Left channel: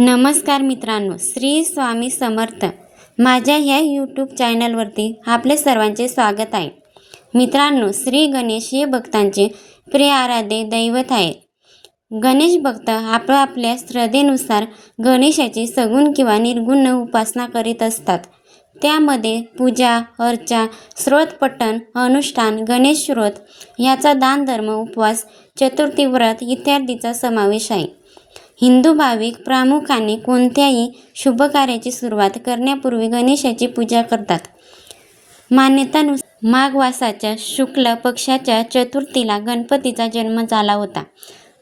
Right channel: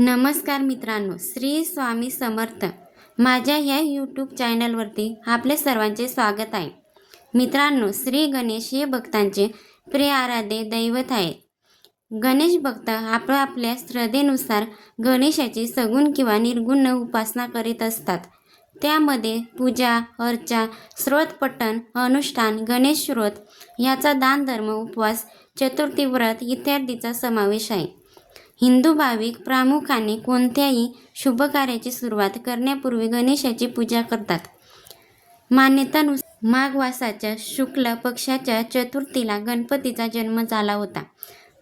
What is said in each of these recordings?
नमस्कार मित्रांनो, श्री स्वामी समर्थ. माझ्या ह्या यूट्यूब चॅनलवरती आपले सर्वांचे स्वागत आहे. मित्रांनो, श्री गणेश हे भक्तांचे प्रिय आराध्य दैवत आहे. गणेश भक्त आपल्या श्रद्धेनुसार गणेशाची सगुण किंवा निर्गुण उपासना करीत असतात. त्यामध्ये पूजा, अर्चा, स्तोत्रपठण, अनुष्ठान, गणेश स्तोत्र याचा दान, धर्म, उपवास, चतुर्थी व्रत इत्यादींचा समावेश आहे. हिंदू भाविक प्रामुख्याने कोणत्याही शुभकार्याची सुरुवात करण्यापूर्वी गणेशाची पूजा करतात. मान्यतानुसार माघ मासाच्या शुक्ल पक्षाच्या चतुर्थीला गणपतीचा जन्म झाला होता.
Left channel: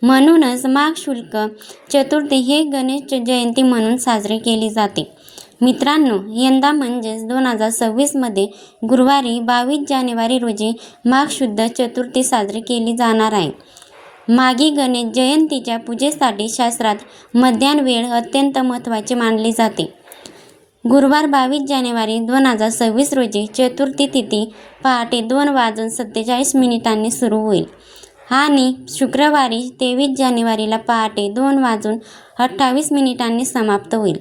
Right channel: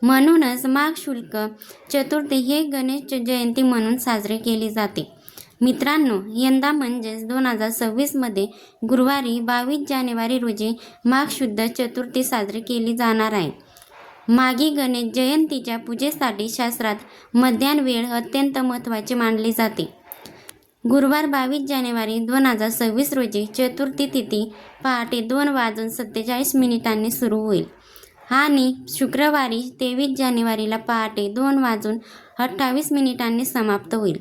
म्हणूनच माघ शुक्ल चतुर्थी हे गणेश जयंती म्हणून साजरी केली जाते. मित्रांनो, यंदा म्हणजेच 2026मध्ये गुरुवारी 22 जानेवारी रोजी माघ शुद्ध चतुर्थी साजरी केली जाणार आहे. माघी गणेश जयंतीच्या पूजेसाठी शास्त्रात मध्यान्ह वेळ अत्यंत महत्त्वाचे मानले जाते. गुरुवार 22 जानेवारी 2026 रोजी चतुर्थी तिथी पहाटे 2:47 सुरू होईल आणि शुक्रवारी 23 जानेवारीला पहाटे 2:28 समाप्त होईल.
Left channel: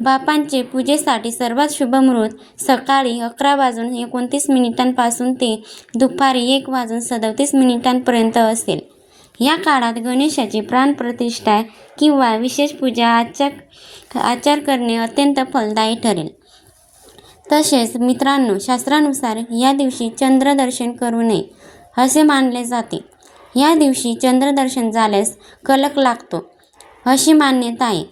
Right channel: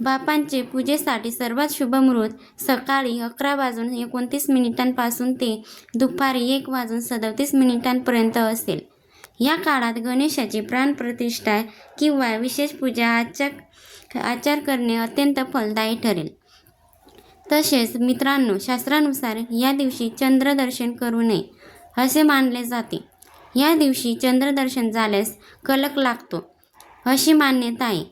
बापांचे पूजेसाठी सर्वात शुभ मुहूर्त सकाळी 11:29 पासून ते दुपारी 1:37 पर्यंत असेल. या काळात गणेशाची प्राणप्रतिष्ठा किंवा विशेष पूजा आचार करणे अत्यंत फलदायी ठरेल. तसेच मित्रांनो, शास्त्रानुसार या दिवशी चंद्रदर्शन करू नये असे मानले जाते. या दिवशी चंद्रदर्शन झाल्यास कलंक लागतो अशी मान्यता आहे.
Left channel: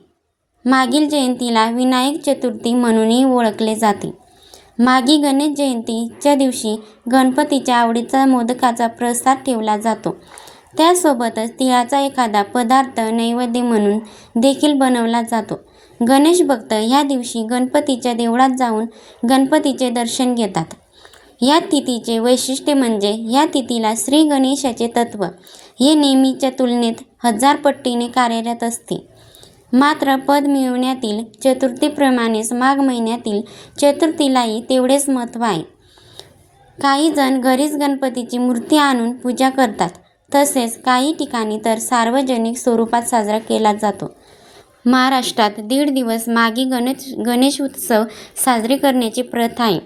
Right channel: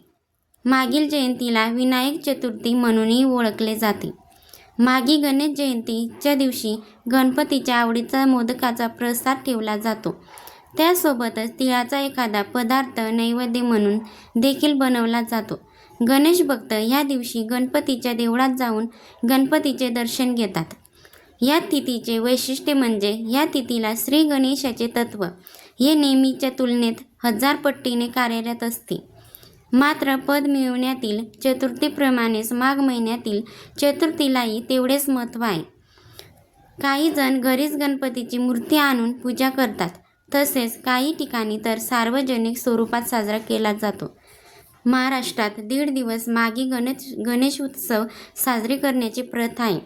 मागील जयंतीला विनायक चतुर्थी म्हणूनही ओळखले जाते. माघी गणेश जयंतीच्या दिवशी गणपतीच्या आवडीचा मोदकाचा प्रसाद ठेवला जातो. त्यासोबतच तिळाचा एखादा पदार्थ नैवेद्य म्हणून देखील बनवला जातो. गणेश भक्त ह्या दिवशी गणपतीच्या देवळात जाऊन गणपतीचे दर्शन घेतात. या तिथीचे वैशिष्ट्य म्हणजे या तिथीला श्री गणेशाचे तत्व हे नेहमीच्या तुलनेत 1000 पटीने कार्यरत असते. मात्र पद मिळवण्यातील चतुर्थीप्रमाणेच माघ महिन्यातील चतुर्थीलाही तेवढेच महत्त्व आहे. काही जण घरीच गणपतीची मूर्ती आणून पूजा करतात. तसेच काही ठिकाणी तर सार्वजनिक स्वरूपात साजरा केला जातो. महाराष्ट्रात 1.5 दिवस माघी गणेश उत्सव साजरे करण्याची प्रथा आहे.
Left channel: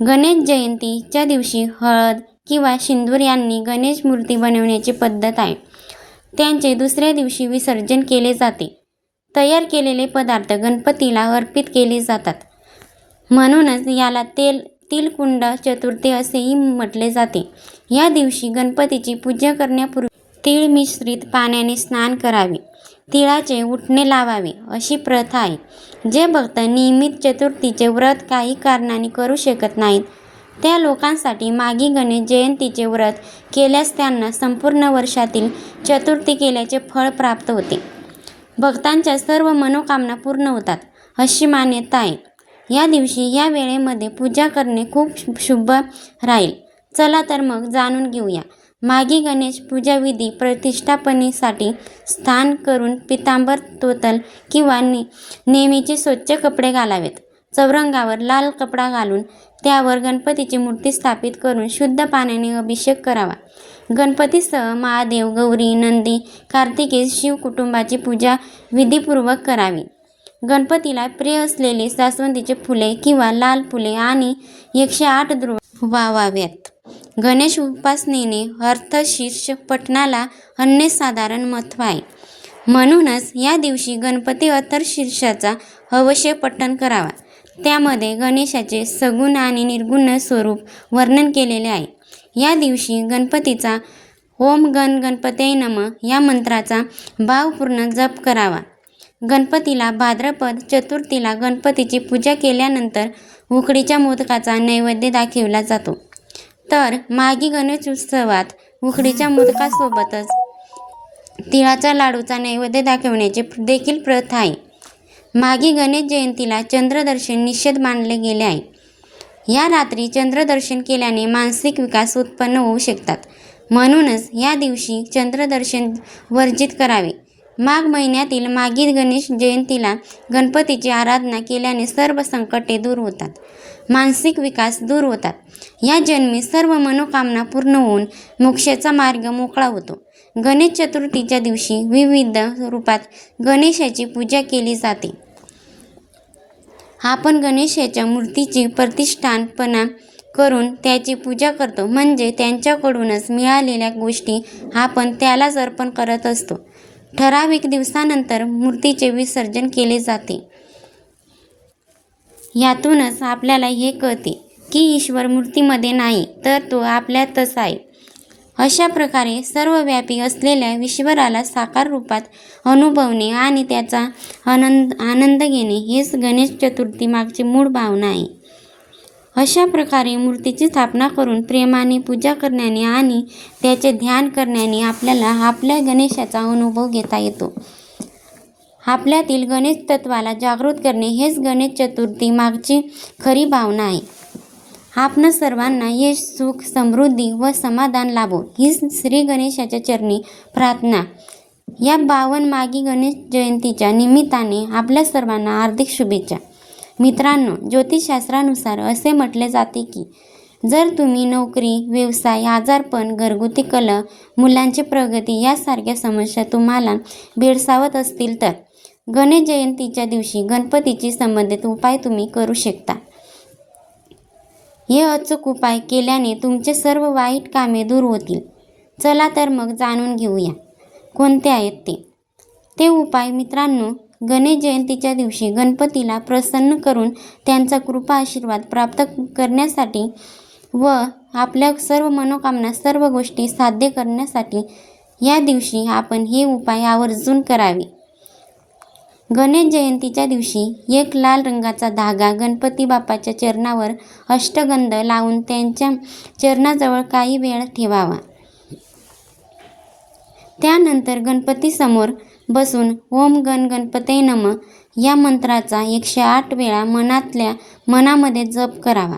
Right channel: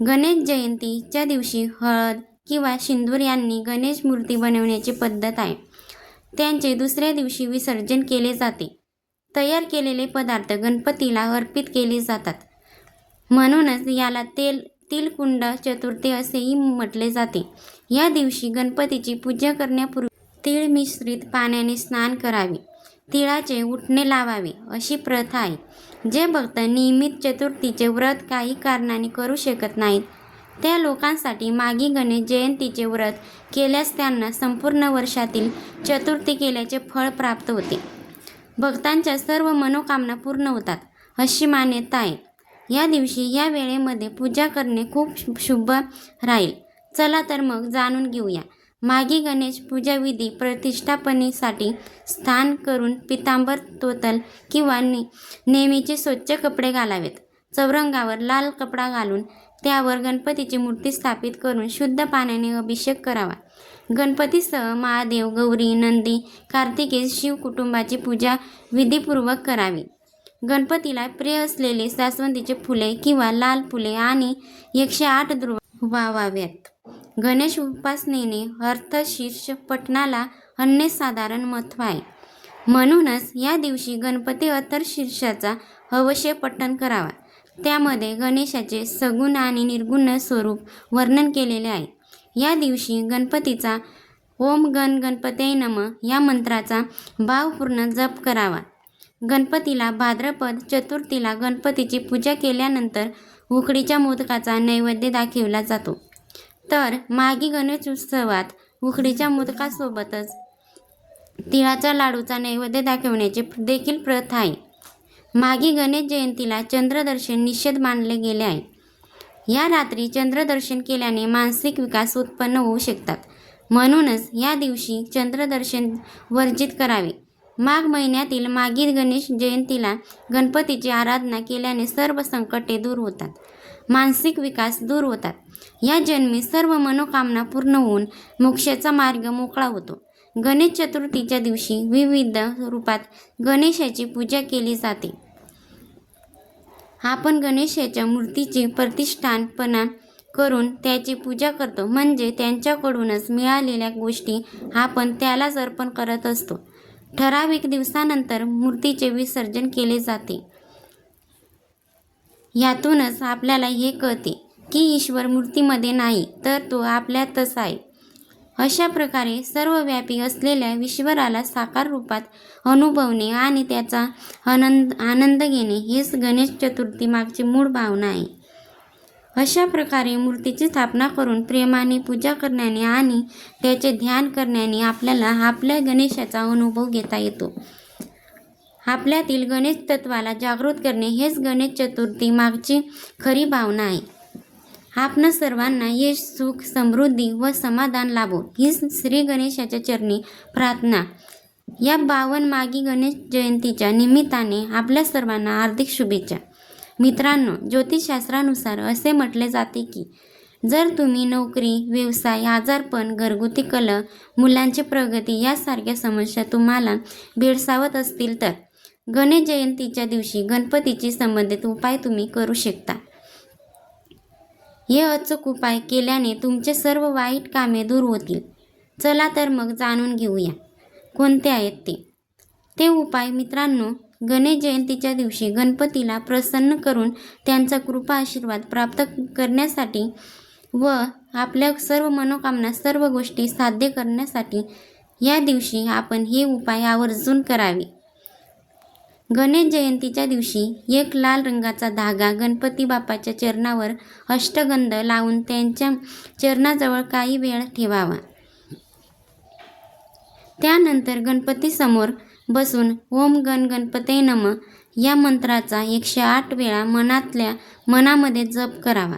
गणेश जयंतीच्या दिवशी हळद किंवा सिंदूर यांनी गणेश मूर्ती बनवण्याची पद्धत आहे. त्यांचे दुसऱ्या दिवशी विसर्जन केले जाते. तयार केलेले पदार्थ गणपतीला अर्पित केले जातात. म्हणूनच याला तिलकुंड चतुर्थी असेही म्हटले जाते. या दिवशी गणपतीची पूजा करण्यापूर्वी तीळ मिश्रित पाण्याने स्नान करावे, तिळाचे उटणे लावावे अशी प्रथा आहे. जे भक्त नियमित चतुर्थीचे व्रत काही कारणाने करू शकत नाहीत त्या लोकांसाठी माघी गणेश जयंतीचे व्रत केल्यास त्यांना संपूर्ण वर्षातील चतुर्थी केल्याचे फळ प्राप्त होते. भक्तांच्या सर्व मनोकामना पूर्ण होतात अशी मान्यता आहे. या दिवशी या वेळेमध्ये पूजा करणे खूप शुभ राहील. चला तर मग जाणून घेऊया. माघी गणेश पूजाविधी प्रतिष्ठापनेसाठी स्नान करून पितांबर तोतल किंवा नेहमीचे स्वच्छ कपडे घालावेत. चौरंगावर लाल कपडा घालून त्यावर गणपतीची मूर्ती स्थापित करून शुद्ध पाण्याने अभिषेक करावा. गणपतीसह महादेव, गौरी, नंदी, कार्तिकेय, शिव कुटुंबाची पूजा विधीपूर्वक करावी. गणपतीला प्रिय असलेले जास्वंदीचे फुले किंवा लाल फुले आणि 108 दुर्वा वाहाव्यात. गणेश उपासनेने अर्थशीर्ष पठणाला अनन्यसाधारण महत्त्व आहे. म्हणूनच या दिवशी गणपती अर्थशीर्षाचा अवश्य पठण करावा. त्यामध्ये गणेशाचे सगुण आणि निर्गुण स्वरूप वर्णन केलेले आहे. या दिवशी गणपतीचा ओम गण गणपतये नमः या मंत्राचा भावपूर्ण जप करावा. गणपतीला भाद्रपद चतुर्थीला गणपतीची पूजा केल्यानंतर उकडीच्या मोदकाचा नैवेद्य दाखविला जातो. तर माघी गणेश उत्सवात उकडीच्या मोदकासोबतच तिळाच्या लाडूचा नैवेद्य दाखवण्याची देखील प्रथा आहे. माघी गणेश जयंतीला चंद्रदर्शन निषेध मानले गेले आहे. या रात्री चंद्रदर्शन केल्याने मानसिक विकास उत्पन्न होऊ शकतात. म्हणूनच या दिवशी चंद्रदर्शन वर्जित करावे. माघ महिन्यातील माघी गणेश जयंतीला गणपतीची आराधना केल्याने सर्व संकटे दूर होतात, मानसिक विकास दूर होतात. या जन्मी सर्व मनोकामना पूर्ण होऊन मोक्षाचा मार्ग मोकळा होतो. गणेश चतुर्थीच्या दिवशी विविध रूपात गणेशाची पूजा केली जाते. आपण गणेशाच्या मूर्तीची प्रतिष्ठापना करून त्याची पूजा करतो, म्हणजे त्यांच्याकडूनच मिळालेल्या गोष्टी आपण त्यालाच अर्पण करत असतो. ठराविक दिवसानंतर मूर्तीचे विसर्जन केले जाते. यातूनच आपल्याला हे कळते की ईश्वर मूर्तीमध्ये नाही, तर तो आपल्यातच आहे. अशा प्रकारे सर्वव्यापी असलेल्या ईश्वराला साकार रूपात अनुभवणे आणि त्याचा आनंद घेणे हेच गणेश चतुर्थी मागची मूळ भावना आहे. अशा प्रकारे मूर्तीची स्थापना करून प्रेमाने पूजा करण्याने आणि त्याचे ध्यान करण्याने आपल्याला आपल्या गणेशाचा अनुभव घेता येतो. आपल्यातील गणेश तत्वाला जागृत करणे हेच गणेश चतुर्थी मागची खरी भावना आहे. आपणा सर्वांना यश, सुख, समृद्धी व समाधान लाभो ही श्री गणेशाच्या चरणी प्रार्थना. या 52 मागी गणेश जयंतीच्या निमित्ताने आपल्या सर्वांना हार्दिक शुभेच्छा. मित्रांनो, ज्योतिषशास्त्रानुसार असे म्हटले जाते की जर तुम्ही नोकरी, व्यवसाय, आजारपण, घरगुती कलह, मुलांची प्रगती यासारख्या समस्या तुम्हाला भेडसावत असतील तर गणेश जयंतीच्या दिवशी गणपतीशी संबंधित उपाय तुम्ही करू शकता. हे अचूक उपाय केल्याने तुमचे सर्व वाईट कामे दूर होतील. चला तर मग जाणून घेऊया कोणते आहेत ते उपाय. मित्रांनो, गणेश जयंतीच्या दिवशी गणपतीला प्रसन्न करून त्यांचा कृपा आशीर्वाद प्राप्त करण्यासाठी व आपल्या सर्व मनोकामना, सर्व गोष्टी साध्य करण्यासाठी या दिवशी आपण हे उपाय आवर्जून करावे. गणेश जयंतीच्या दिवशी एक लाल रंगाचा धागा गणपती बाप्पाच्या चरणावर अष्टगंध लावून त्यांच्या चरणाजवळ काही वेळ ठेवावा. त्यानंतर गणपतीसमोर बसून ओम गण गणपतये नमः या मंत्राचा 108 वेळा मनामध्ये जप करावा.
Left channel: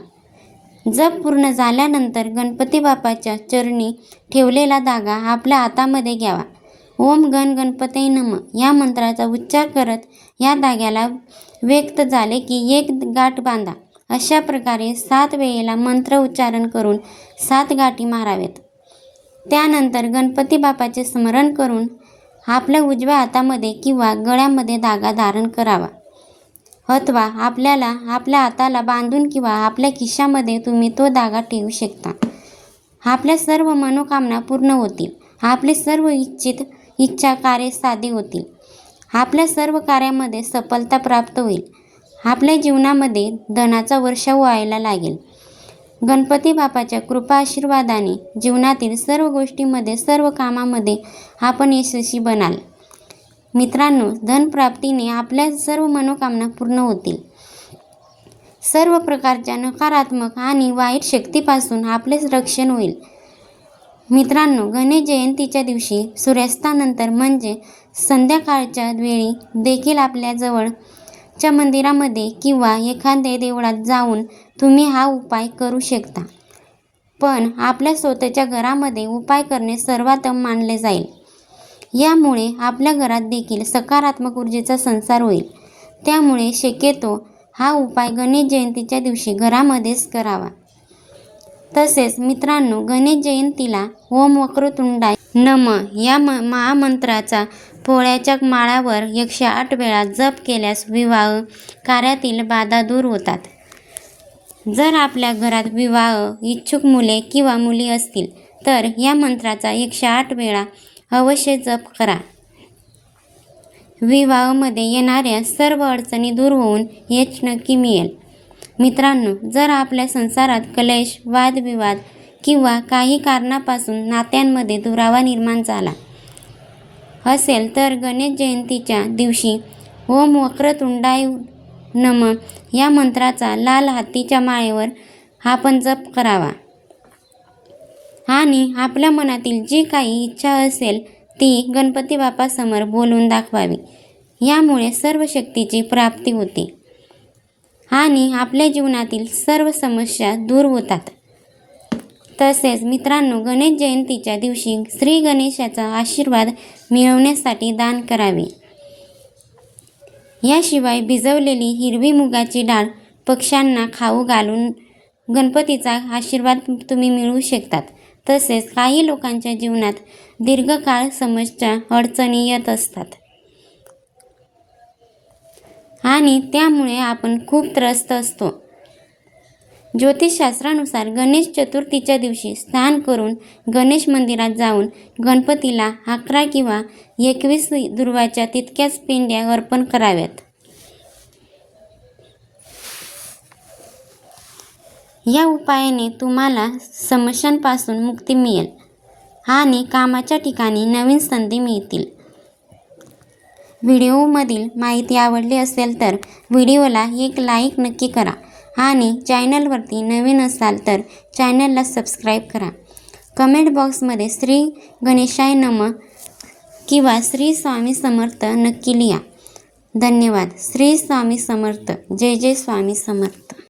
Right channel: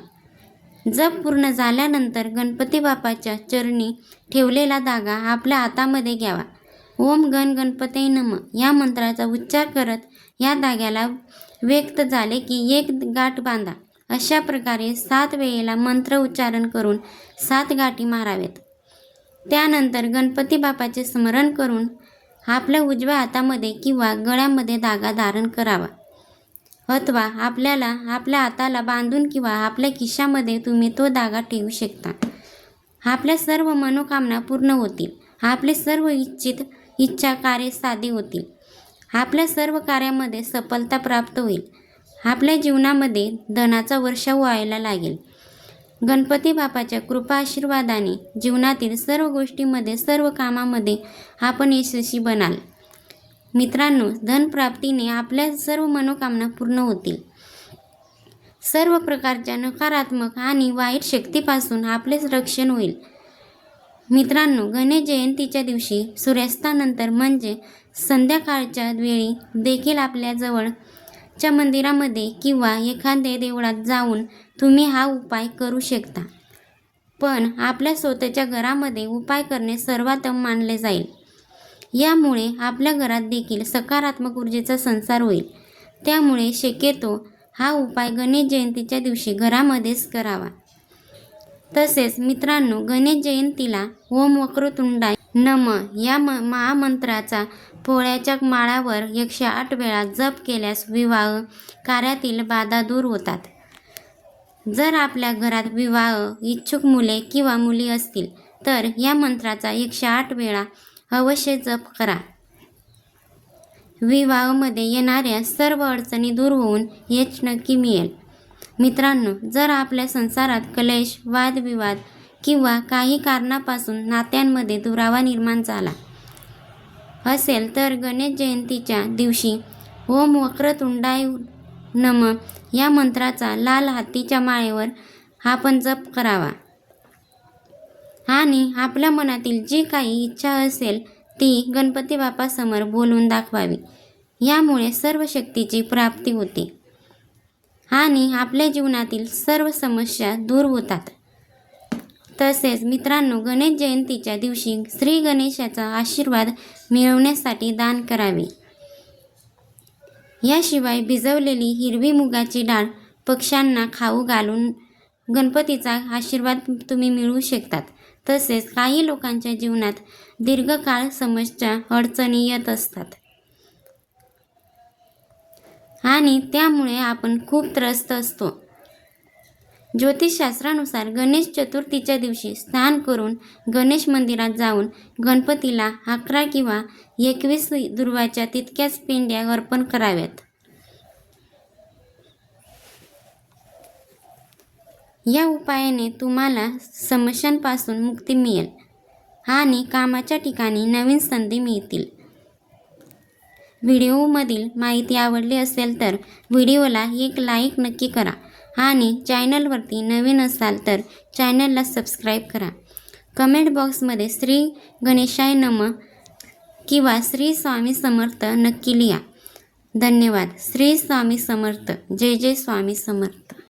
जप पूर्ण झाल्यानंतर गणपती बाप्पाच्या चरणी ठेवलेला धागा आपल्या हातामध्ये घ्यावा. ओम गण गणपतये नमः या मंत्राचा उच्चार करत या धाग्याला व्यक्त झाले की एक गाठ बांधा. अशा प्रकारे 7 वेळेला मंत्र उच्चारण करून 7 गाठी माराव्यात. त्यानंतर गणपती बाप्पाचे स्मरण करून आपल्या उजव्या हातामध्ये किंवा गळ्यामध्ये धागा धारण करावा, अथवा आपल्याला आपल्या हाताला बांधून किंवा आपल्या खिशामध्ये तुम्ही तो धागा ठेवू शकता. आपल्या सर्व मनोकामना पूर्ण होतील. आपले सर्व इच्छा कार्य साध्य होतील. आपल्या सर्व कार्यामध्ये सफलता प्राप्त होईल. आपल्या जीवनामध्ये धनाचा वर्षाव व्हायला लागेल. गणपती बाप्पाच्या कृपा आशीर्वादाने जीवनातील सर्व गोष्टींमध्ये, सर्व कामामध्ये आपण यशस्वी बनाल. मित्रांनो, धनप्राप्तीने आपल्या सर्व मनोकामना पूर्ण होतील. सर्व प्रकारच्या नकारात्मक आणि वाईट शक्तीपासून आपले रक्षण होईल. मित्रांनो, गणेश जयंतीच्या दिवशी सूर्यास्तानंतर म्हणजे संध्याकाळच्या वेळी देखील आपल्या जवळच्या मंदिरामध्ये किंवा एखाद्या देवळात जाऊन तुम्ही हा उपाय करू शकता. पण आपल्या स्वतःच्या घरामध्ये उपाय करणे सर्वोत्तम मानले जाईल. यामुळे आपल्या घरात देखील सकारात्मक ऊर्जेचा संचार होईल. त्यामुळे शक्यतो हा उपाय गणेश जयंतीच्या दिवशी घरामध्येच करावा. तसेच मित्रांनो, गणेश जयंतीला ओम वक्रतुंडाय नमः या महामंत्राचा पोळ्याच्या माळावर 108 वेळा जप केल्यास विवाह कार्यातील बाधा दूर होतात. जर आपल्या घरात विवाह इच्छुक मुले किंवा मुली असतील तर या मंत्राचा 108 वेळा अवश्य जप करा. विवाहामध्ये येणाऱ्या सर्व अडचणी दूर होऊन यश नक्की मिळेल. मित्रांनो, जर आपल्या संसारात क्लेश, वादविवाद किंवा काही कारणापासून नात्यांमध्ये दुरावा निर्माण झाला असेल तर गणेश जयंतीच्या दिवशी ओम वक्रतुंडाय नमः या मंत्राचा लाल हत्तीच्या माळेवर आपण जप करावा आणि आपल्या मनातील जी काही इच्छा असेल ती गणपती बाप्पासमोर बोलून दाखवावी. यामुळे सर्व शक्तीची प्राप्ती होते आणि आपल्या जीवनातील सर्व समस्या दूर होतात. तसेच मित्रांनो, गणेश जयंतीच्या दिवशी श्री गणेशाचा आशीर्वाद मिळवण्यासाठी दान करावे. याशिवाय भिजवलेली हिरवी मुगाची डाळ पक्ष्यांना खाऊ घालून गणपतीचा आशीर्वाद तुम्ही मिळवू शकतात. तसेच काही लोकांच्या जीवनात दीर्घकाळ समस्या अडचणी येत असतात आणि त्यामुळे आपण खूप त्रस्त असतो. ज्योतिषशास्त्रानुसार गणेश चतुर्थीच्या दिवशी स्नान करून गणेश मंदिरात जाऊन गणपतीला 11 किंवा 21 दुर्वाच्या तितक्याच पेंड्या अर्पण कराव्यात. या उपायाने तुम्हाला समस्यांपासून मुक्ती मिळेल आणि कामाच्या ठिकाणी नवीन संधी मिळतील. व्हिडिओमधील माहिती आवडली असेल तर व्हिडिओला एक लाईक नक्की करा आणि चॅनलवरती नवीन असाल तर चॅनलला सबस्क्राईब करा. कमेंट बॉक्समध्ये श्री गणेशाय नमः किंवा श्री स्वामी समर्थ नक्की लिहा. धन्यवाद. श्री स्वामी समर्थ. जय जय स्वामी समर्थ.